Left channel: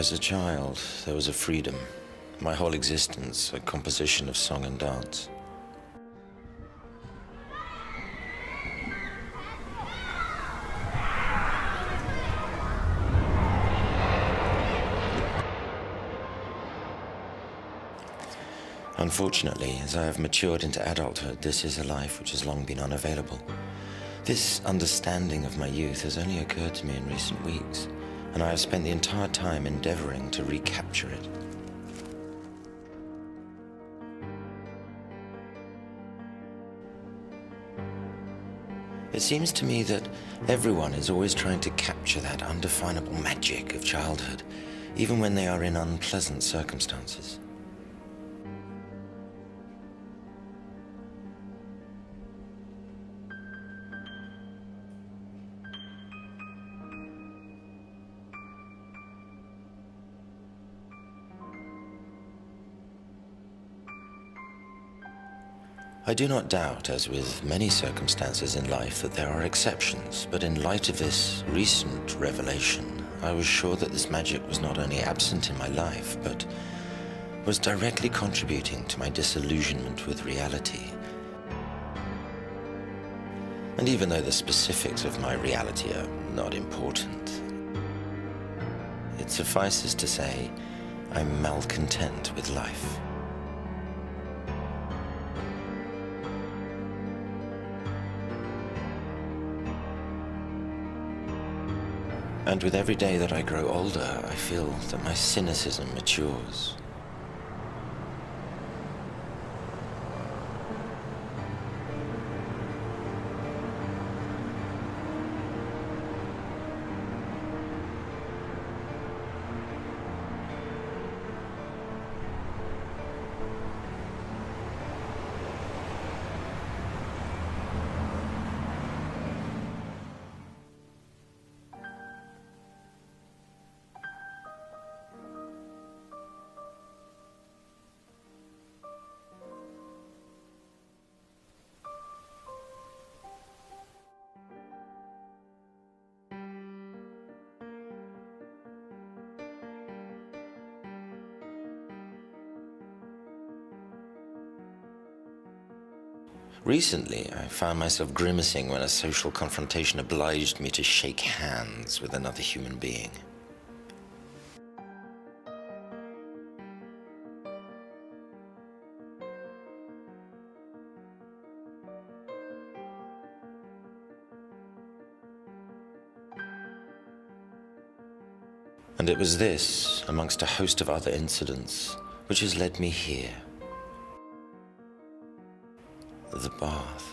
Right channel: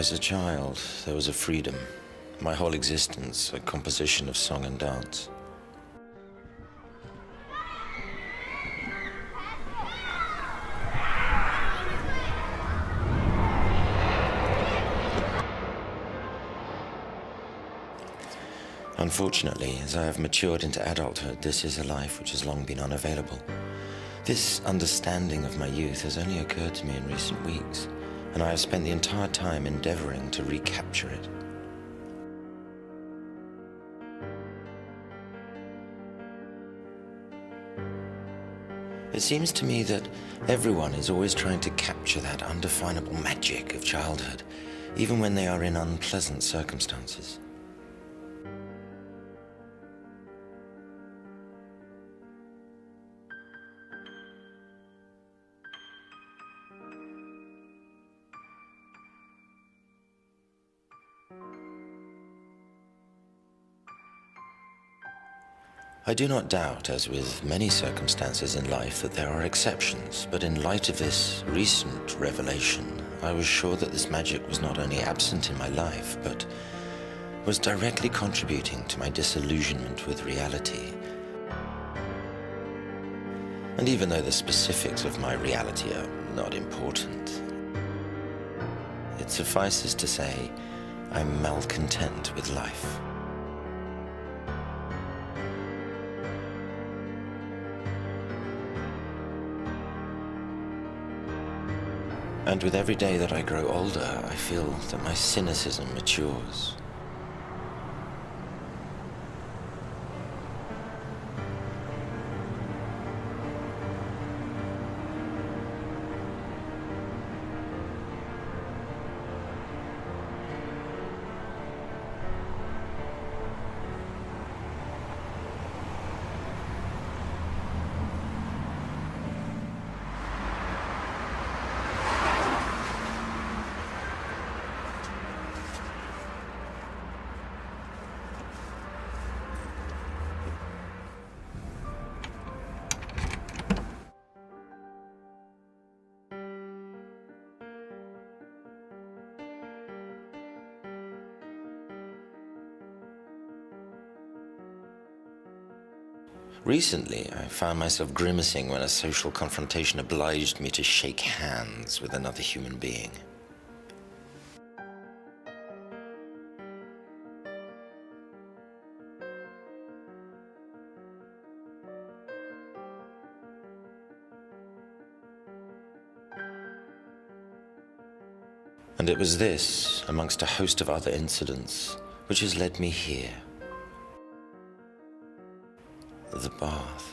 As a child, there was a freedom. My whole existence, a composition of song and dance. Unfortunately, as I have matured into adulthood, this is a life which has long been unavailable. This understanding of my youth has only occurred to me in recent weeks, and I have spent the entire time endeavoring to recapture it. It seems to me that everyone is always trying to capture that undefinable magic of childhood, even when they are in unpleasant circumstances. I do not doubt, as with many circumstances in life, that there are exceptions, but in light of this recent revelation, I was sure that this magic was not only absent in my life, but was directly contributing to my disillusionment with reality. And even though the specifics of my reality are not important, it suffices to say I'm malcontent with life. And with every day that I grow older, I feel that my cynicism matures. Recently, I found myself grimacing when a social confrontation obliged me to shake hands with another human being. And it was this, amongst a host of other incidents, which has led me here. The bath.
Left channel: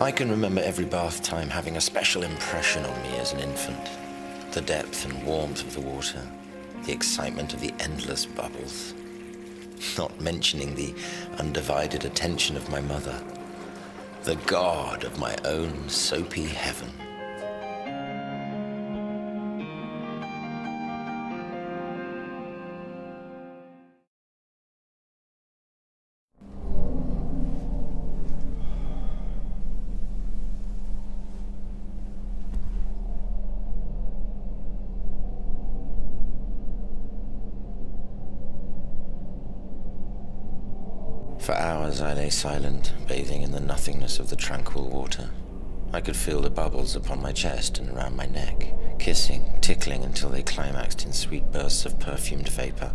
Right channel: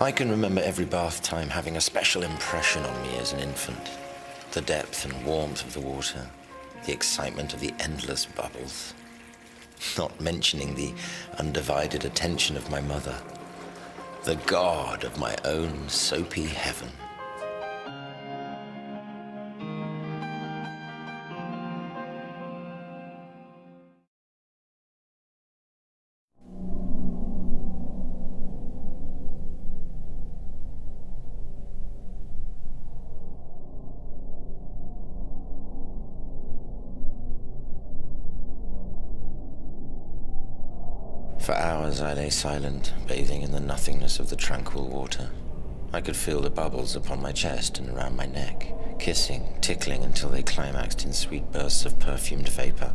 I can remember every bath time having a special impression on me as an infant. The depth and warmth of the water, the excitement of the endless bubbles, not mentioning the undivided attention of my mother, the god of my own soapy heaven. For hours I lay silent, bathing in the nothingness of the tranquil water. I could feel the bubbles upon my chest and around my neck, kissing, tickling until they climaxed in sweet bursts of perfumed vapor.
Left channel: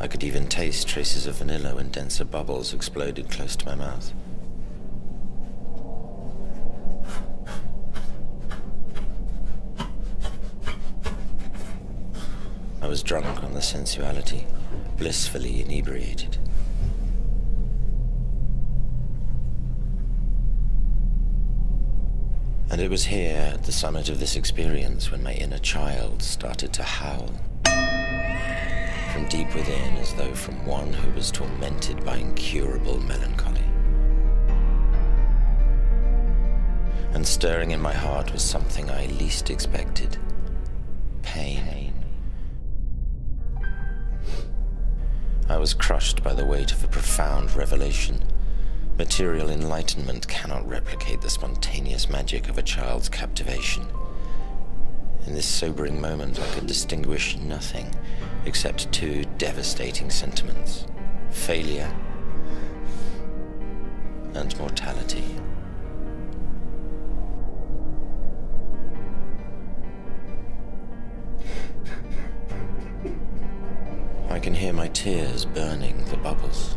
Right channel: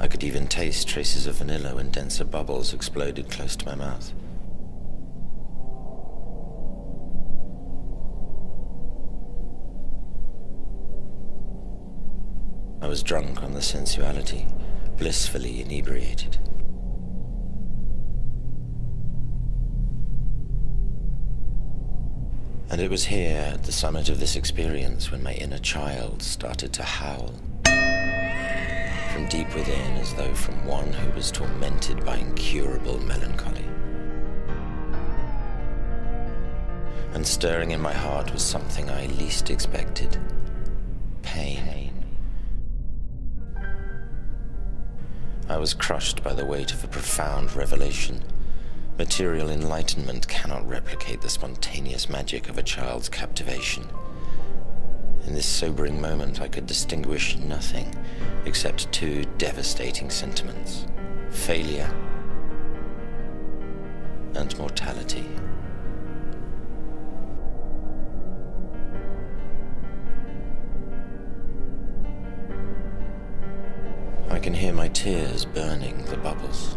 I could even taste traces of vanilla when denser bubbles exploded close to my mouth. I was drunk on the sensuality, blissfully inebriated. And it was here, at the summit of this experience, when my inner child started to howl. From deep within, as though from one who was tormented by incurable melancholy. And stirring in my heart was something I least expected. Pain. I was crushed by the weight of a profound revelation. Material enlightenment cannot replicate the spontaneous magic of a child's captivation. In this sobering moment, I could distinguish nothing except two devastating sentiments: failure and mortality. I can hear my tears burning the bubbles.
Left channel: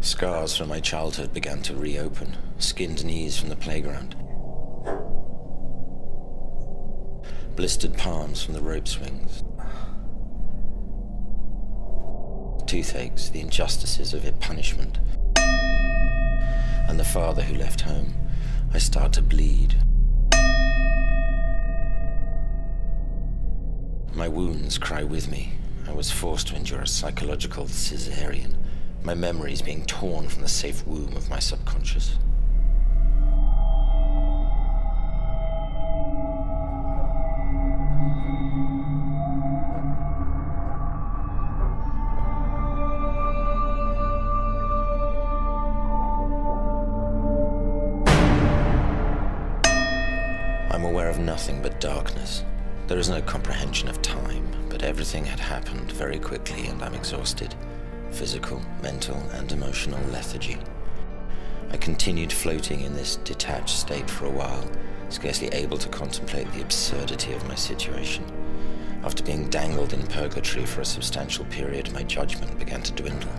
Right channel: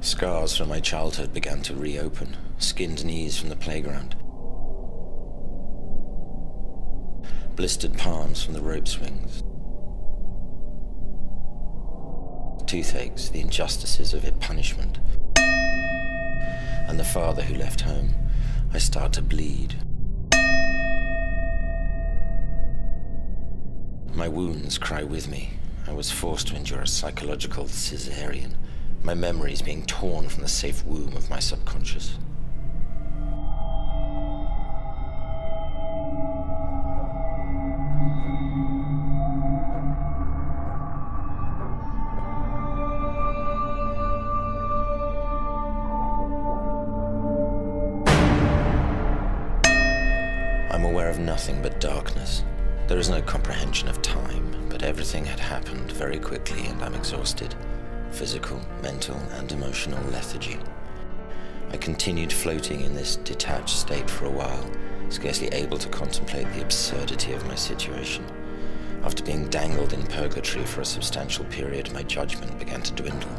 Scars from my childhood began to reopen, skinned knees from the playground, blistered palms from the rope swings, toothaches, the injustices of it, punishment, and the father who left home. I start to bleed. My wounds cry with me. I was forced to endure a psychological cesarean, my memories being torn from the safe womb of my subconscious. I'm aware of nothing but darkness. There is no comprehension of time, but everything had happened very quickly and I'm exhausted. Physical, mental, and emotional lethargy. I continued floating in this detached state for a while, scarcely able to contemplate the absurdity of my situation. After being dangled in purgatory for a substantial period, my judgment began to dwindle.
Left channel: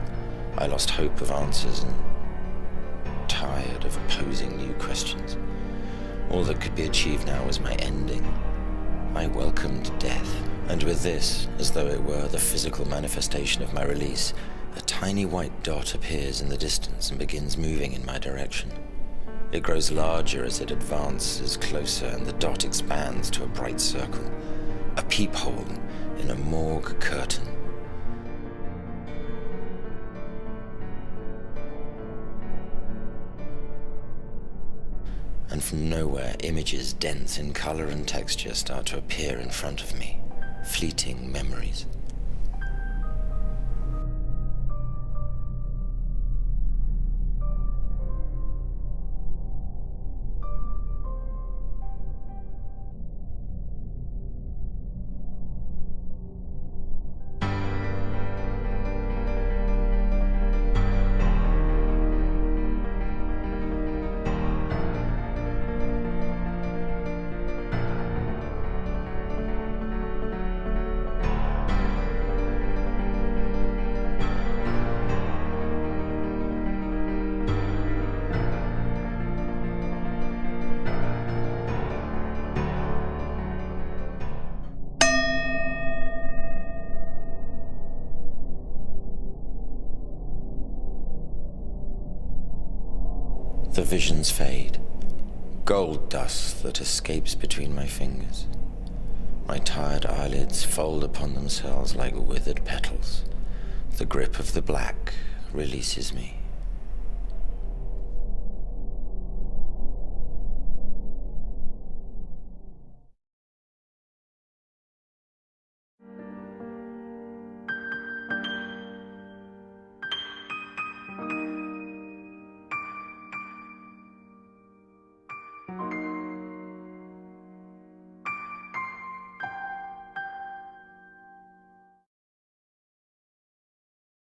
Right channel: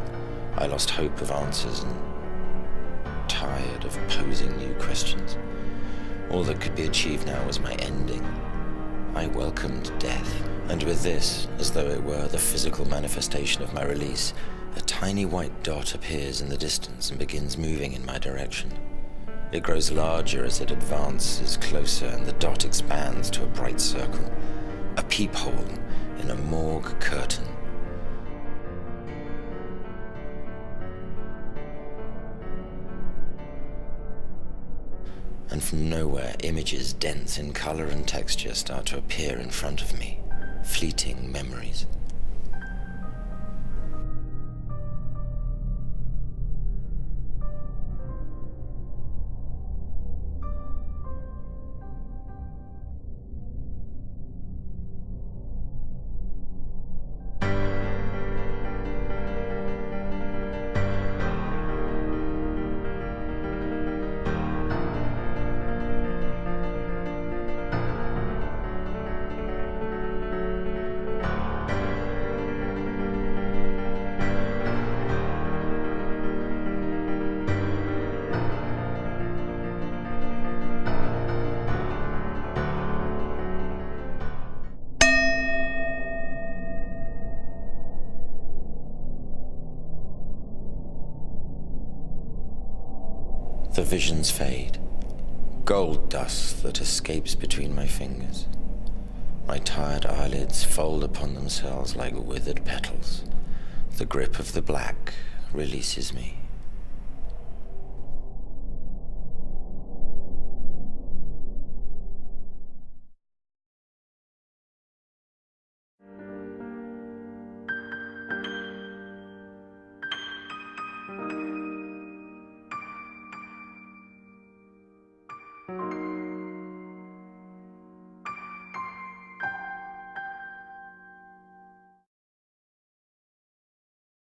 I lost hope of answers and tired of posing new questions. All that could be achieved now was my ending. I welcomed death, and with this, as though it were the physical manifestation of my release, a tiny white dot appears in the distance and begins moving in my direction. It grows larger as it advances closer, and the dot expands to a bright circle, a peephole in a morgue curtain. And from nowhere, images dense in color and texture start to appear in front of me, fleeting memories. The visions fade, gold dust that escapes between my fingers. My tired eyelids fold upon themselves like withered petals. The grip of the black releases me.